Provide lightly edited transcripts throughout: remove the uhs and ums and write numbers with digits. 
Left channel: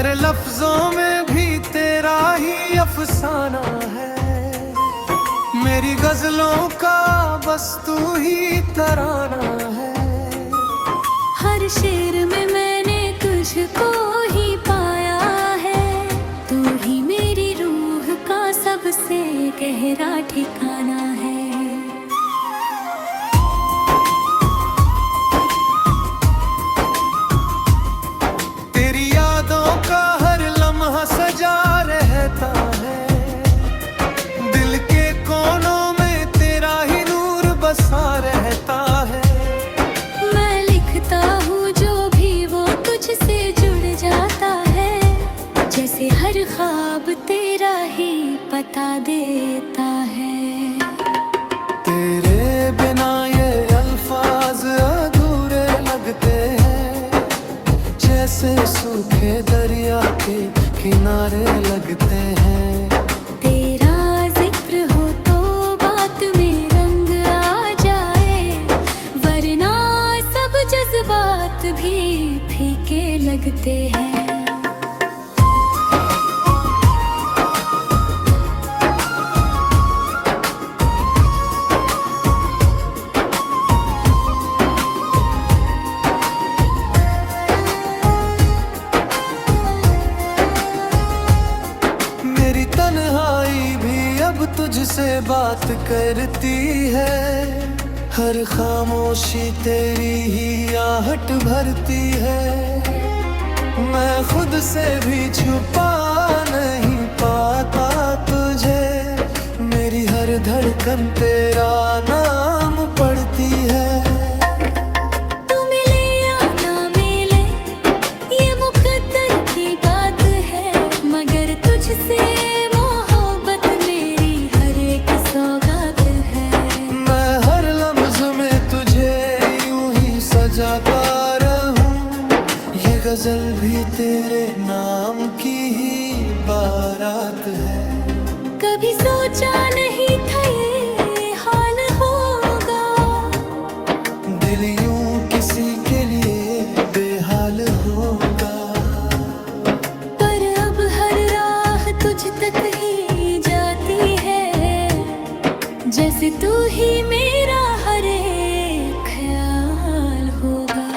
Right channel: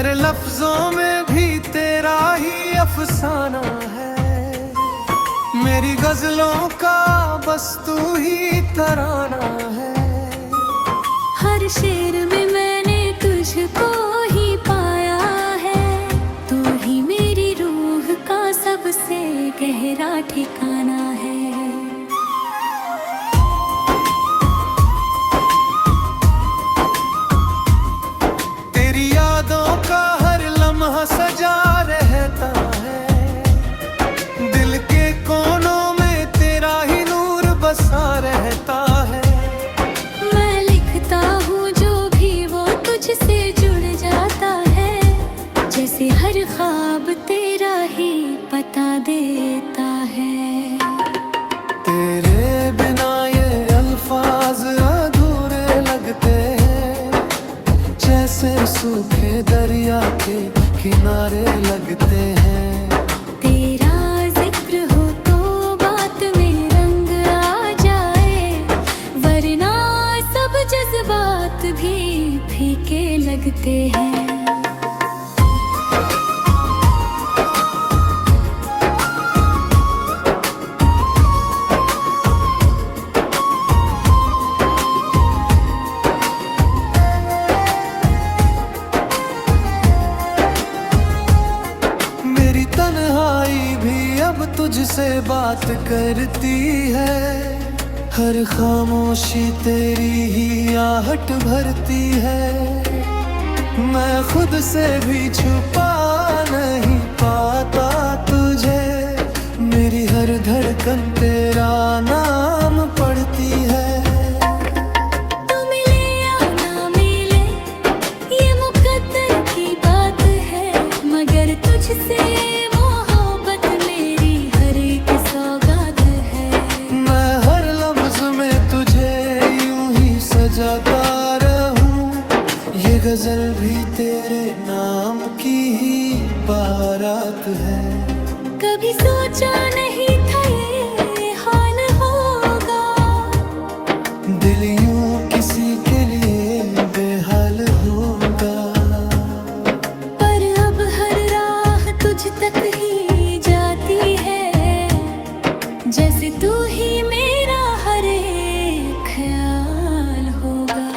मेरे लफ्जों में भी तेरा ही अफसाना है। मेरी गजलों का बस तू ही तराना है। हर शेर में मैंने तुझको ही पाया है। तू ही मेरी रूह का सबसे गहरा ठिकाना है। तेरी यादों का हर लम्हा सजा रहता है। दिल के कोनों में तेरा ही नूर बसा रहता है। मैं लिखता हूँ जो भी वो तुझसे जुड़ जाता है। जैसे हर ख्वाब तेरा ही पता देता है। तेरे बिना ये अल्फाज अधूरे लगते हैं। जैसे सूखे दरिया के किनारे लगते हैं। तेरा जिक्र हो तो बात में रंग आ जाए, वरना सब जज्बात भी फीके लगते हैं। मेरी तन्हाई भी अब तुझसे बात करती है। हर खामोशी तेरी ही आहट भरती है। मैं खुद से भी छुपा नहीं पाता तुझे। मेरी हर धड़कन तेरा नाम पढ़ती है। तू मिले या ना मिले ये मुकद्दर की बात है, मगर तुझसे मोहब्बत मेरी हर एक सौगात है। मैं हर लम्ज में तुझे यूं ही सजाता रहूं। ये गजल भी तेरे नाम की ही बारात है। कभी सोचा नहीं था ये हाल होगा। दिल यूं किसी के लिए बेहाल होगा। पर अब हर राह तुझ तक ही जाती है। जैसे तू ही मेरा हर एक ख्याल होगा।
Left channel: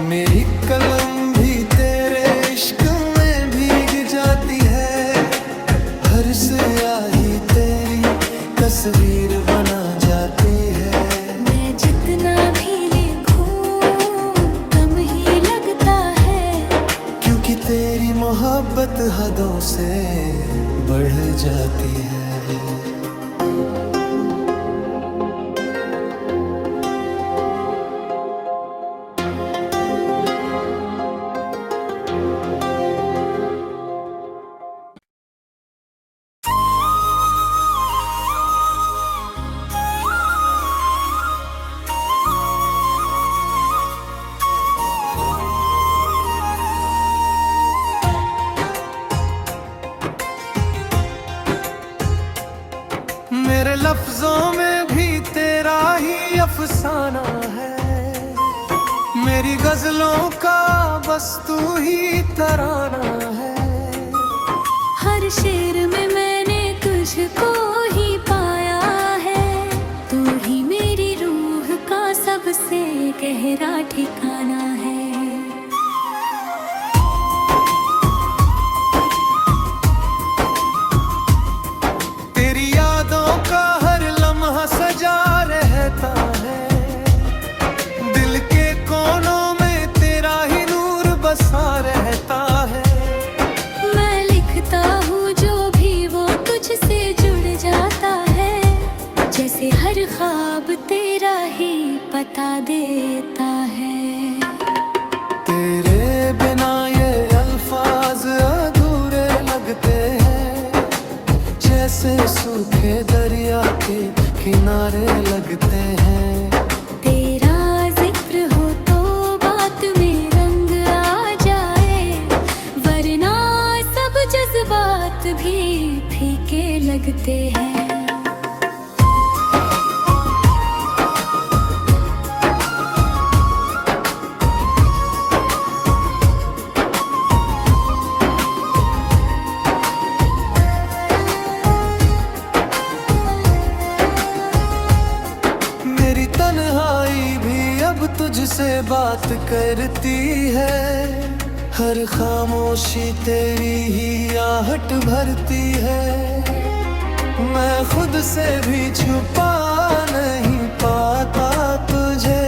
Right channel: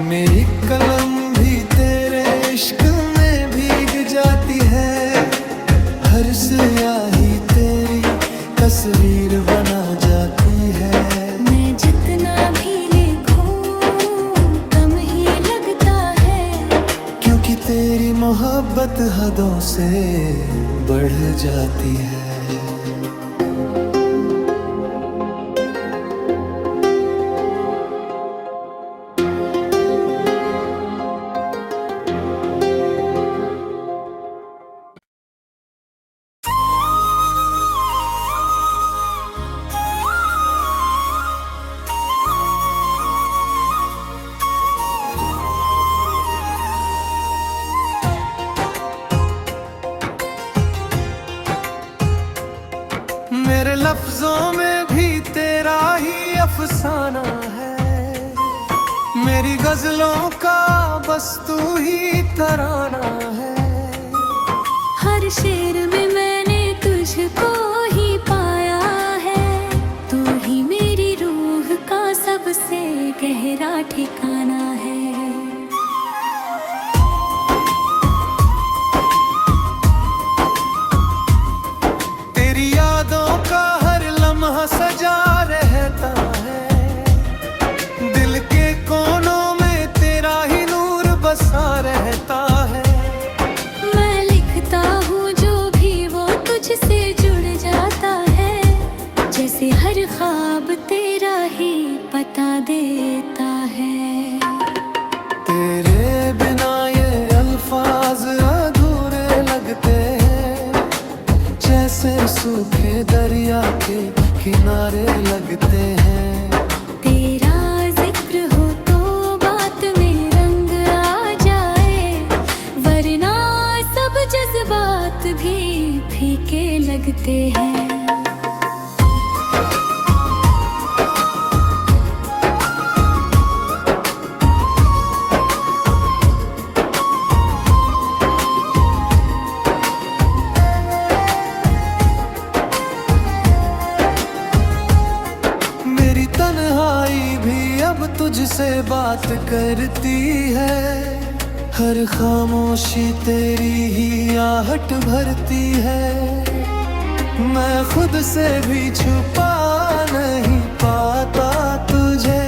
मेरी कलम भी तेरे इश्क में भीग जाती है। हर स्याही तेरी तस्वीर बना जाती है। मैं जितना भी लिखूं कम ही लगता है, क्योंकि तेरी मोहब्बत हदों से बढ़ जाती है। मेरे लफ्जों में भी तेरा ही अफसाना है। मेरी गजलों का बस तू ही तराना है। हर शेर में मैंने तुझको ही पाया है। तू ही मेरी रूह का सबसे गहरा ठिकाना है। तेरी यादों का हर लम्हा सजा रहता है। दिल के कोनों में तेरा ही नूर बसा रहता है। मैं लिखता हूँ जो भी वो तुझसे जुड़ जाता है। जैसे हर ख्वाब तेरा ही पता देता है। तेरे बिना ये अल्फाज अधूरे लगते हैं। जैसे सूखे दरिया के किनारे लगते हैं। तेरा जिक्र हो तो बात में रंग आ जाए, वरना सब जज्बात भी फीके लगते हैं। तुझसे बात करती है, हर खामोशी तेरी ही आहट भरती है। मैं खुद से भी छुपा नहीं पाता तुझे,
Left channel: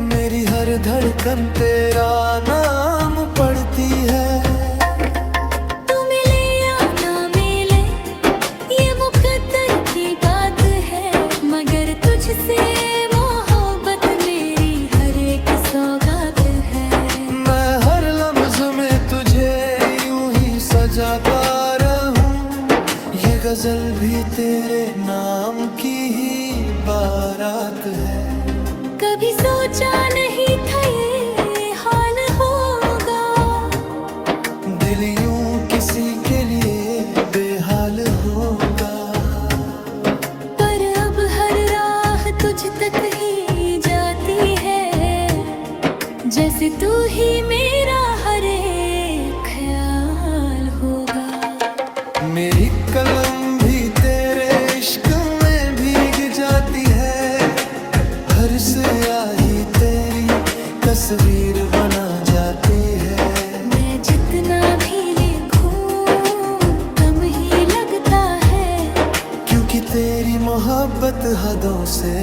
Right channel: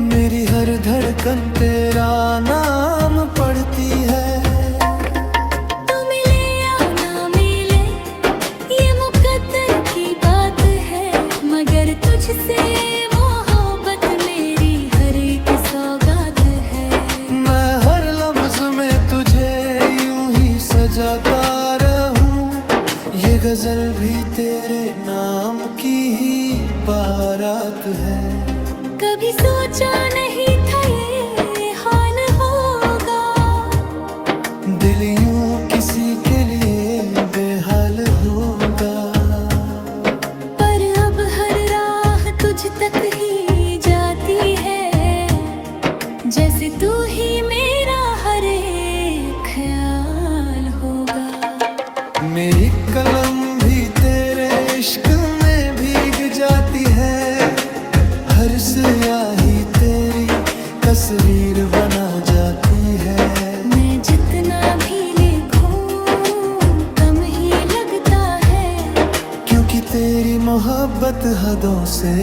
मेरी हर धड़कन तेरा नाम पढ़ती है। तू मिले या ना मिले ये मुकद्दर की बात है, मगर तुझसे मोहब्बत मेरी हर एक सौगात है। मैं हर लम्ज में तुझे यूं ही सजाता रहूं, ये गजल भी तेरे नाम की ही बारात है। कभी सोचा नहीं था ये हाल होगा, दिल यूं किसी के लिए बेहाल होगा। पर अब हर राह तुझ तक ही जाती है, जैसे तू ही मेरा हर एक ख्याल होगा। मेरी कलम भी तेरे इश्क में भीग जाती है, हर स्याही तेरी तस्वीर बना जाती है। मैं जितना भी लिखूं कम ही लगता है, क्योंकि तेरी मोहब्बत हदों से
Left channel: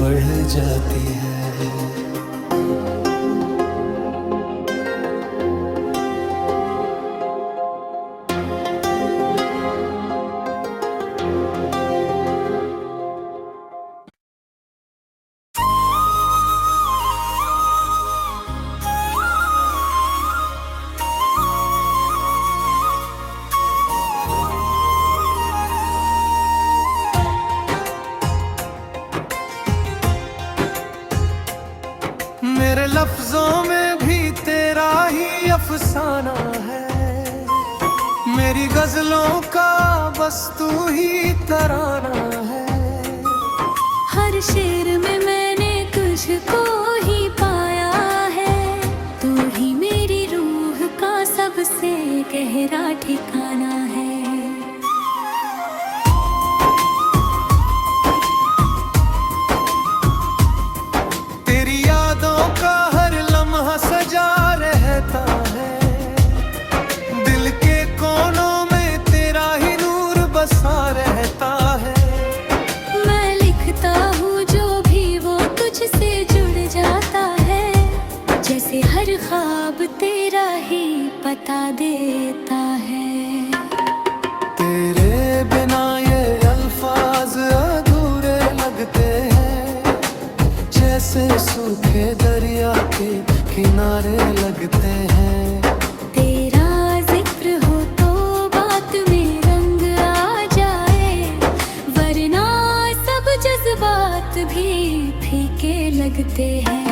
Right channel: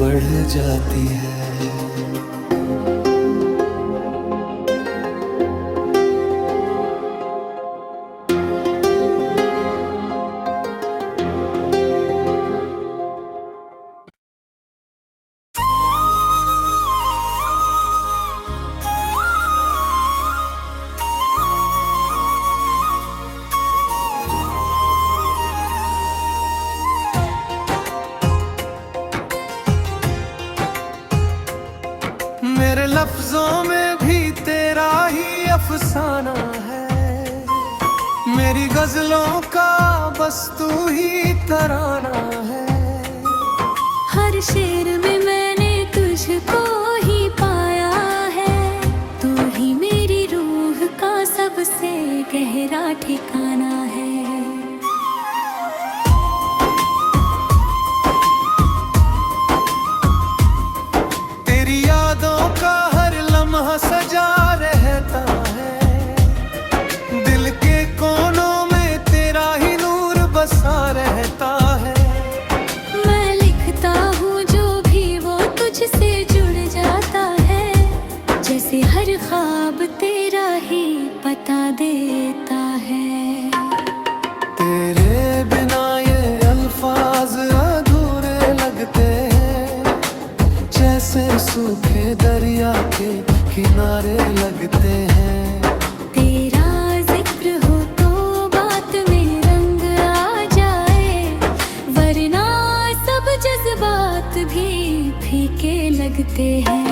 बढ़ जाती है। मेरे लफ्जों में भी तेरा ही अफसाना है, मेरी गजलों का बस तू ही तराना है। हर शेर में मैंने तुझको ही पाया है, तू ही मेरी रूह का सबसे गहरा ठिकाना है। तेरी यादों का हर लम्हा सजा रहता है, दिल के कोनों में तेरा ही नूर बसा रहता है। मैं लिखता हूँ जो भी वो तुझसे जुड़ जाता है, जैसे हर ख्वाब तेरा ही पता देता है। तेरे बिना ये अल्फाज अधूरे लगते हैं, जैसे सूखे दरिया के किनारे लगते हैं। तेरा जिक्र हो तो बात में रंग आ जाए, वरना सब जज्बात भी फीके लगते हैं।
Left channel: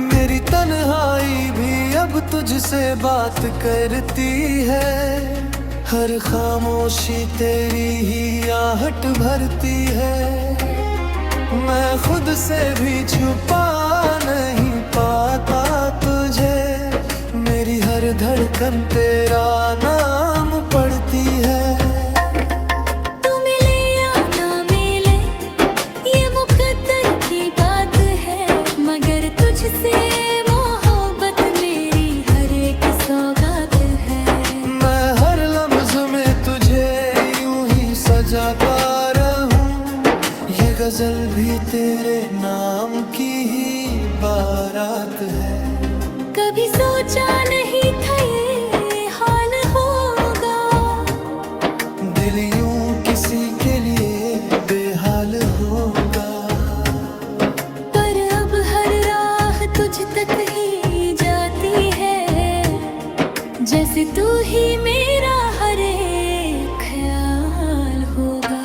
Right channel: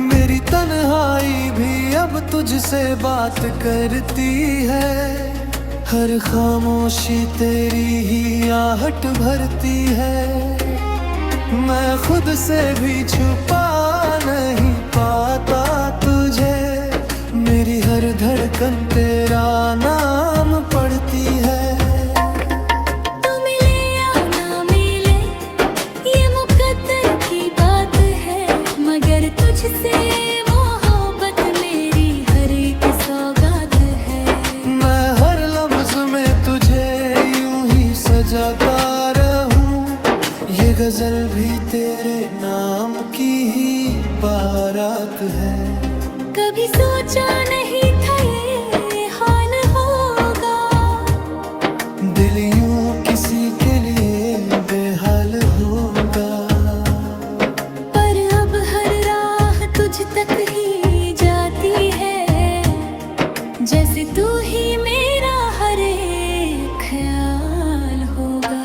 मेरी तन्हाई भी अब तुझसे बात करती है, हर खामोशी तेरी ही आहट भरती है। मैं खुद से भी छुपा नहीं पाता तुझे, मेरी हर धड़कन तेरा नाम पढ़ती है। तू मिले या ना मिले ये मुकद्दर की बात है, मगर तुझसे मोहब्बत मेरी हर एक सौगात है। मैं हर लम्ज में तुझे यूं ही सजाता रहूं, ये गजल भी तेरे नाम की ही बारात है। कभी सोचा नहीं था ये हाल होगा, दिल यूं किसी के लिए बेहाल होगा। पर अब हर राह तुझ तक ही जाती है, जैसे तू ही मेरा हर एक ख्याल होगा।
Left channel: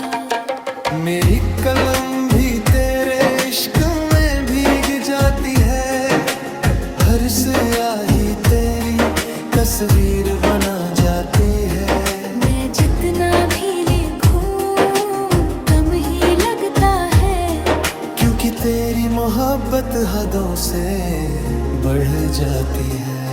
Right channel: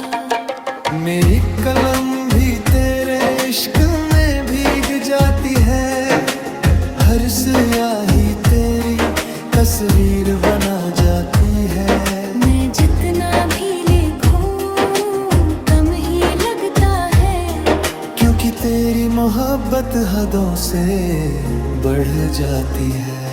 मेरी कलम भी तेरे इश्क में भीग जाती है, हर स्याही तेरी तस्वीर बना जाती है। मैं जितना भी लिखूं कम ही लगता है, क्योंकि तेरी मोहब्बत हदों से बढ़ जाती है।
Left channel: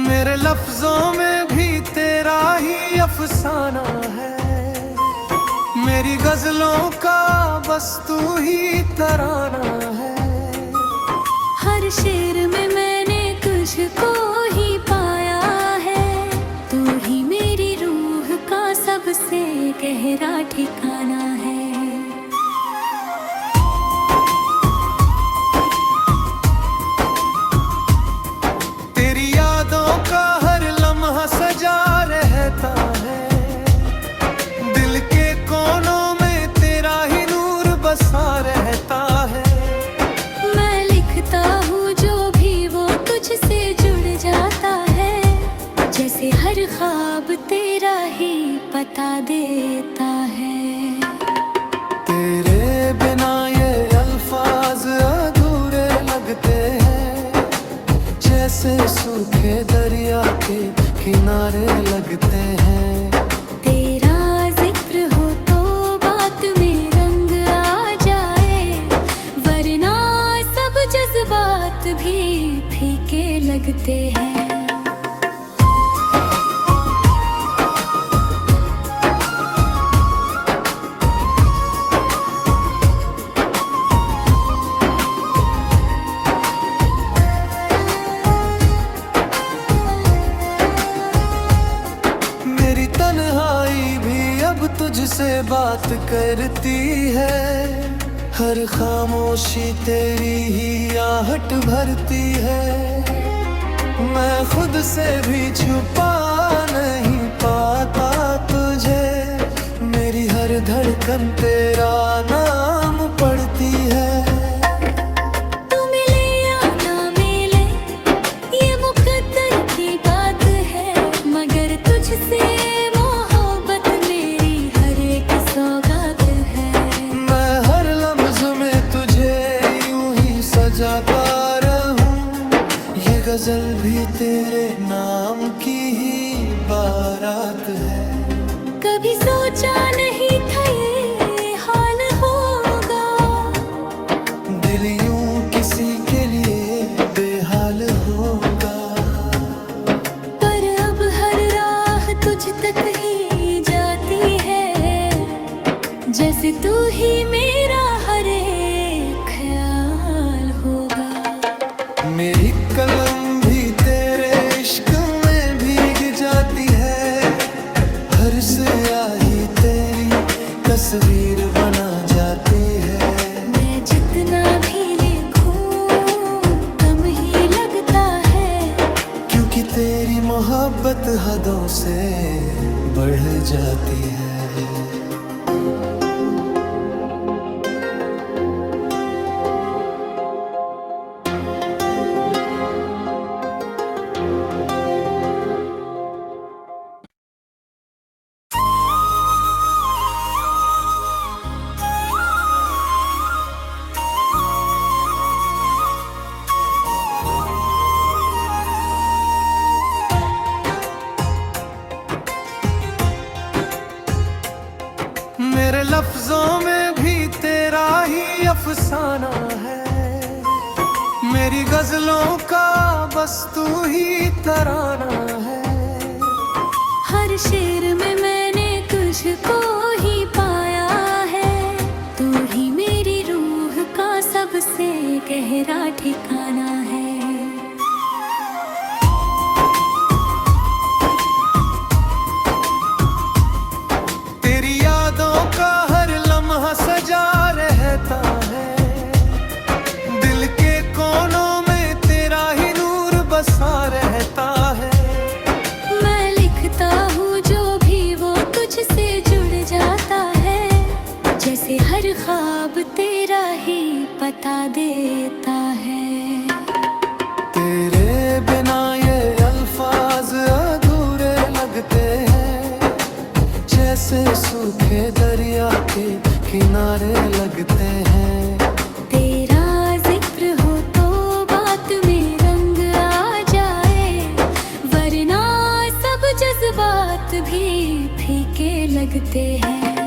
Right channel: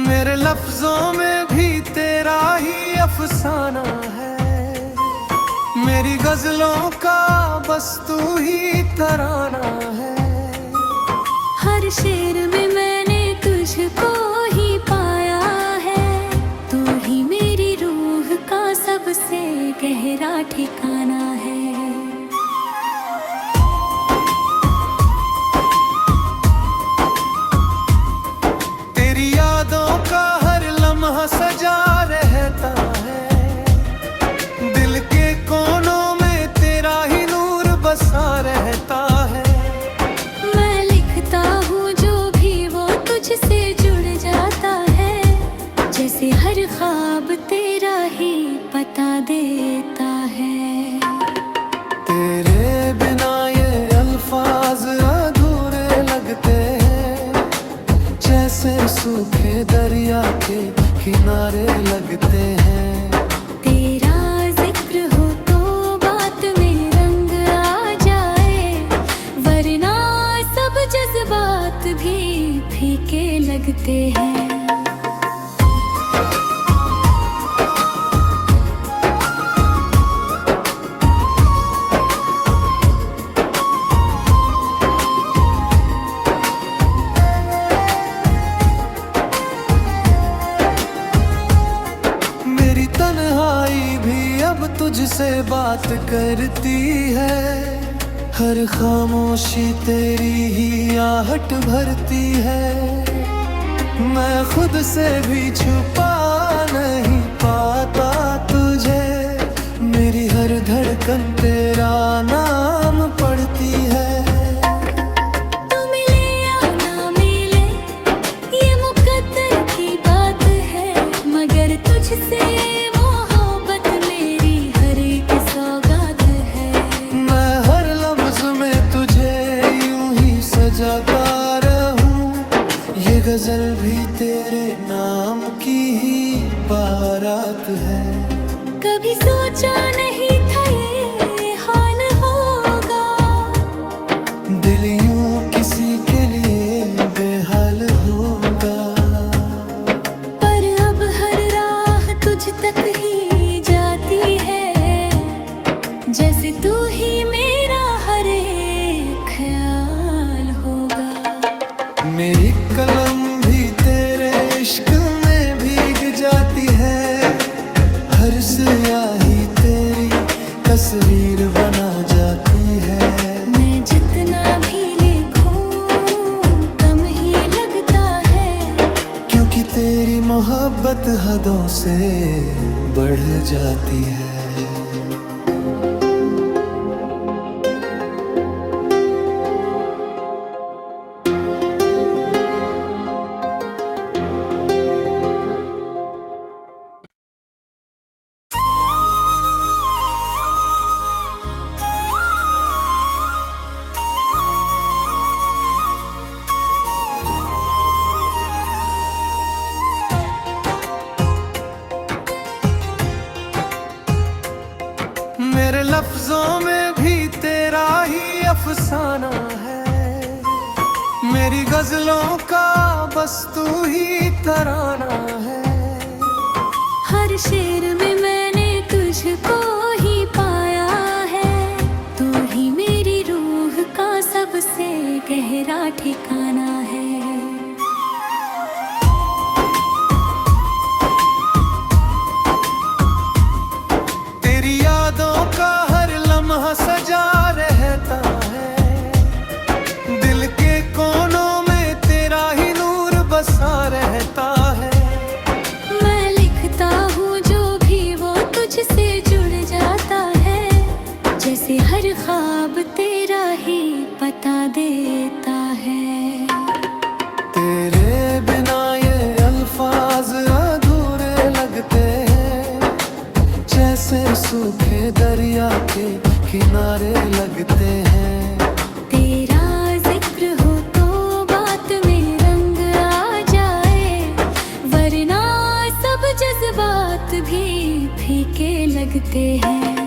मेरे लफ्जों में भी तेरा ही अफसाना है, मेरी गजलों का बस तू ही तराना है। हर शेर में मैंने तुझको ही पाया है, तू ही मेरी रूह का सबसे गहरा ठिकाना है। तेरी यादों का हर लम्हा सजा रहता है, दिल के कोनों में तेरा ही नूर बसा रहता है। मैं लिखता हूँ जो भी वो तुझसे जुड़ जाता है, जैसे हर ख्वाब तेरा ही बता देता है। तेरे बिना ये अल्फाज अधूरे लगते हैं, जैसे सूखे दरिया के किनारे लगते हैं। तेरा जिक्र हो तो बात में रंग आ जाए, वरना सब जज्बात भी फीके लगते हैं। मेरी तन्हाई भी अब तुझसे बात करती है, हर खामोशी तेरी ही आहट भरती है। मैं खुद से भी छुपा नहीं पाता तुझे, मेरी हर धड़कन तेरा नाम पढ़ती है। तू मिले या ना मिले ये मुकद्दर की बात है, मगर तुझसे मोहब्बत मेरी हर एक सौगात है। मैं हर लम्ज में तुझे यूं ही सजाता रहूं, ये गजल भी तेरे नाम की ही बारात है। कभी सोचा नहीं था ये हाल होगा, दिल यूं किसी के लिए बेहाल होगा। पर अब हर राह तुझ तक ही जाती है, जैसे तू ही मेरा हर एक ख्याल होगा। मेरी कलम भी तेरे इश्क में भीग जाती है, हर स्याही तेरी तस्वीर बना जाती है। मैं जितना भी लिखूं कम ही लगता है, क्योंकि तेरी मोहब्बत हदों से बढ़ जाती है। मेरे लफ्जों में भी तेरा ही अफसाना है, मेरी गजलों का बस तू ही तराना है। हर शेर में मैंने तुझको ही पाया है, तू ही मेरी रूह का सबसे गहरा ठिकाना है। तेरी यादों का हर लम्हा सजा रहता है, दिल के कोनों में तेरा ही नूर बसा रहता है। मैं लिखता हूँ जो भी वो तुझसे जुड़ जाता है, जैसे जैसे हर ख्वाब तेरा ही पता देता है। तेरे बिना ये अल्फाज अधूरे लगते हैं, जैसे सूखे दरिया के किनारे लगते हैं। तेरा जिक्र हो तो बात में रंग आ जाए, वरना सब जज्बात भी फीके लगते हैं।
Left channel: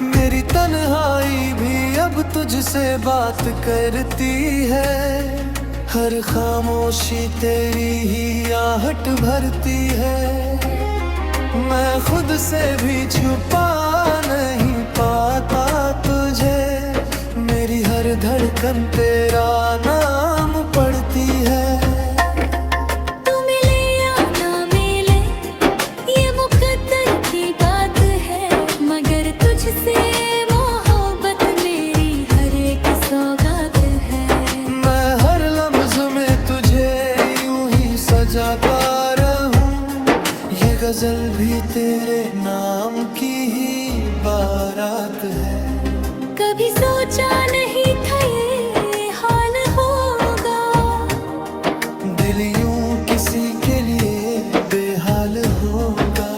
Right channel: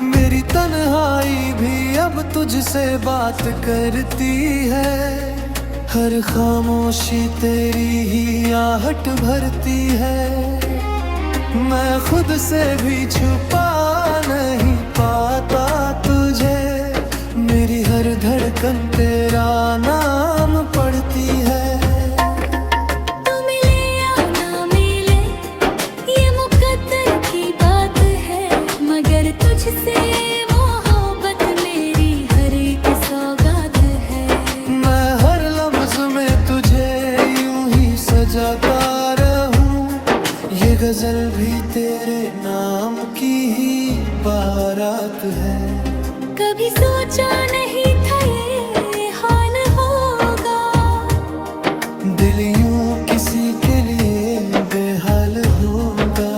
मेरी तन्हाई भी अब तुझसे बात करती है, हर खामोशी तेरी ही आहट भरती है। मैं खुद से भी छुपा नहीं पाता तुझे, मेरी हर धड़कन तेरा नाम पढ़ती है। तू मिले या ना मिले ये मुकद्दर की बात है, मगर तुझसे मोहब्बत मेरी हर एक सौगात है। मैं हर लम्ज में तुझे यूं ही सजाता रहूं, ये गजल भी तेरे नाम की ही बारात है। कभी सोचा नहीं था ये हाल होगा, दिल यूं किसी के लिए बेहाल होगा।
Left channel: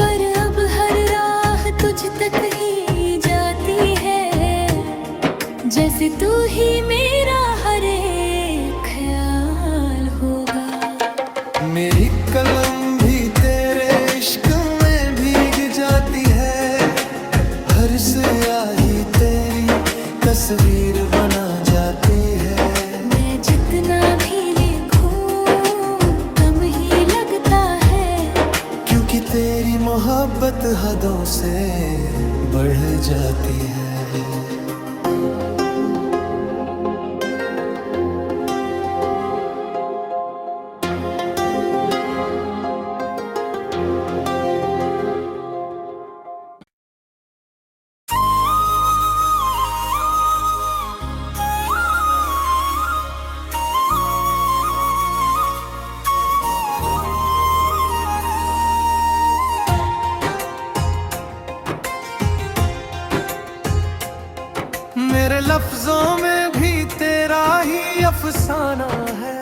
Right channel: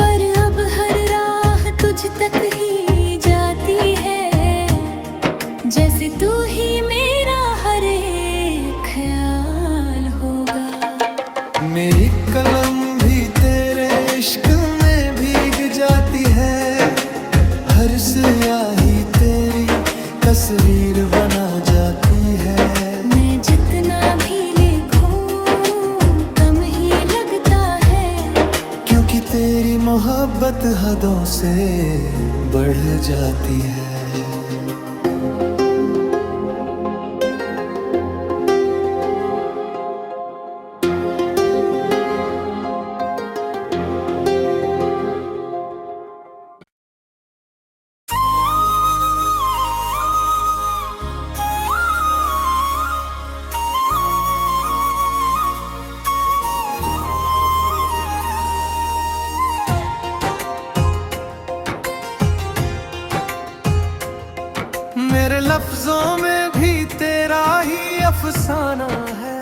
पर अब हर राह तुझ तक ही जाती है, जैसे तू ही मेरा हर एक ख्याल होगा। मेरी कलम भी तेरे इश्क में भीग जाती है, हर स्याही तेरी तस्वीर बना जाती है। मैं जितना भी लिखूं कम ही लगता है, क्योंकि तेरी मोहब्बत हदों से बढ़ जाती है। मेरे लफ्जों में भी तेरा ही अफसाना है,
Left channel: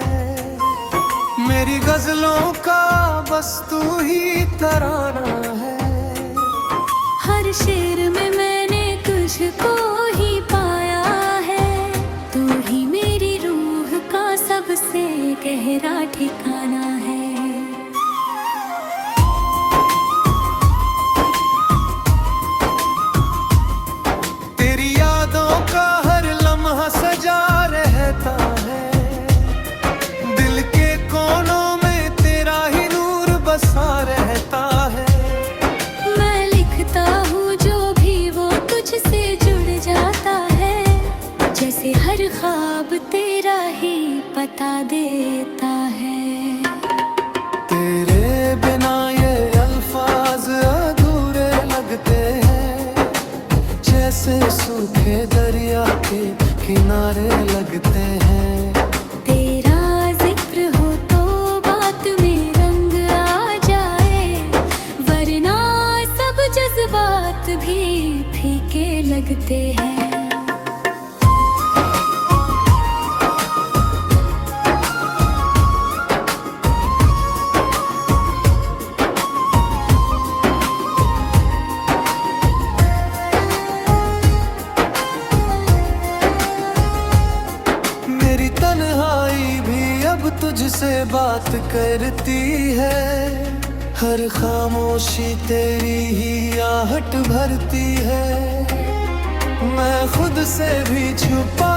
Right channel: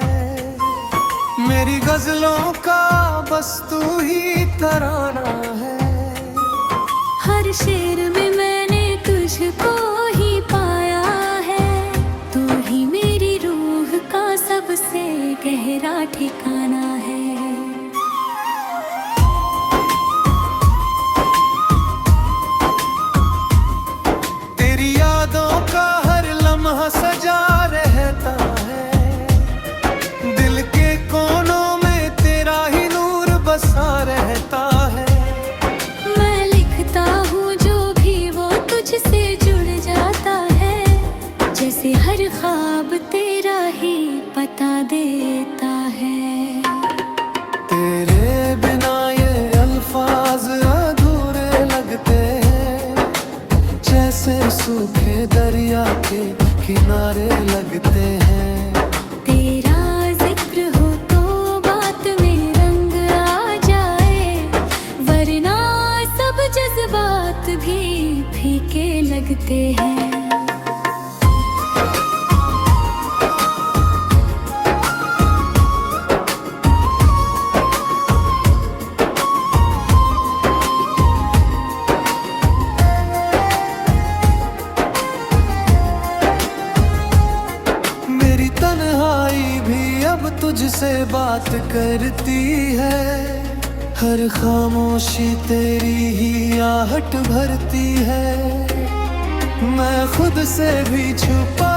मेरी गजलों का बस तू ही तराना है। हर शेर में मैंने तुझको ही पाया है, तू ही मेरी रूह का सबसे गहरा ठिकाना है। तेरी यादों का हर लम्हा सजा रहता है, दिल के कोनों में तेरा ही नूर बसा रहता है। मैं लिखता हूँ जो भी वो तुझसे जुड़ जाता है, जैसे हर ख्वाब तेरा ही पता देता है। तेरे बिना ये अल्फाज अधूरे लगते हैं, जैसे सूखे दरिया के किनारे लगते हैं। तेरा जिक्र हो तो बात में रंग आ जाए, वरना सब जज्बात भी फीके लगते हैं। मेरी तन्हाई भी अब तुझसे बात करती है, हर खामोशी तेरी ही आहट भरती है। मैं खुद से भी छुपा